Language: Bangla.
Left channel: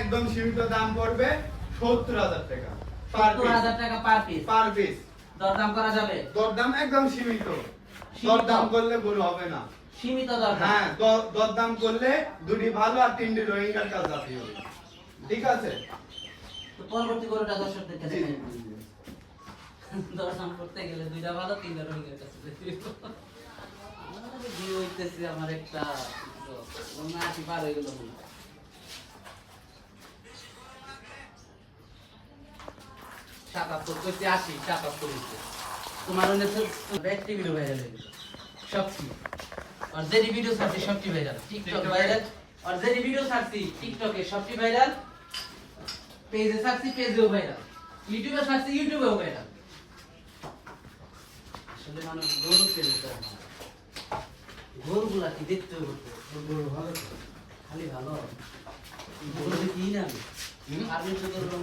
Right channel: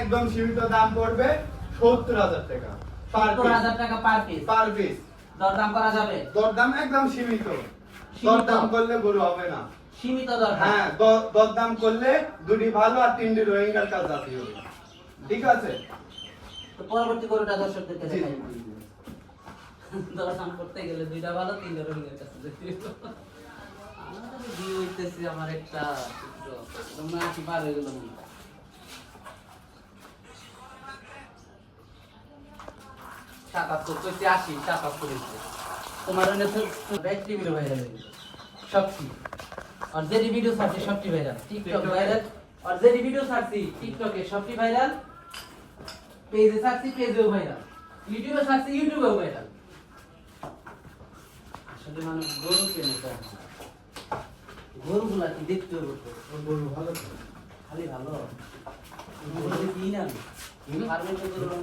একদম সীমিত দাম পড়বে ৭০,০০০ টাকা পার পিস। ৭০,০০০ টাকা পার পিস। Per piece. দরদাম করা যাবে? দরদাম একদম সীমিত। সীমিত? দরদাম করলে গরু হবে না। সীমিত দরদাম? হ্যাঁ, দরদাম করলে দুটি ভালো আর তিনটি রোহিঙ্গার কাজ জাতি হবে। ঠিক আছে? তো পরবর্তী গরুটা দর্শকদেরকে জি। দেখাই। দরদাম করতে গেলে দুইটা ভালো তিনটা রোহিঙ্গার কাছে যেতে হবে। আমার ভিউ হইতেছে আমার একটা না কি পার হয়ে গেল মনে হয়। ৭৭ করছি ৮০ ৭৭ হচ্ছে। তোমার অনেক ব্যাটারি ভিউ ভাইরাল হয়ে গেছে সবটি। আর যে ভিডিও ছাড়ছি সবটি ভাইরাল। TikTok viral. আর যে ভিডিও ছাড়ছি টিকটকে সবটি ভাইরাল। পেজে ছাড়ছি পেজেও ভাইরাল। ইউটিউবে ছাড়ছি ইউটিউবেও ভাইরাল। আসলে মানুষ গরু চেনে তো। গরুগুলা কি দেখতে হতো? গরু ভালো তো। খালি ভালো। গরু কি না? আর তো গরু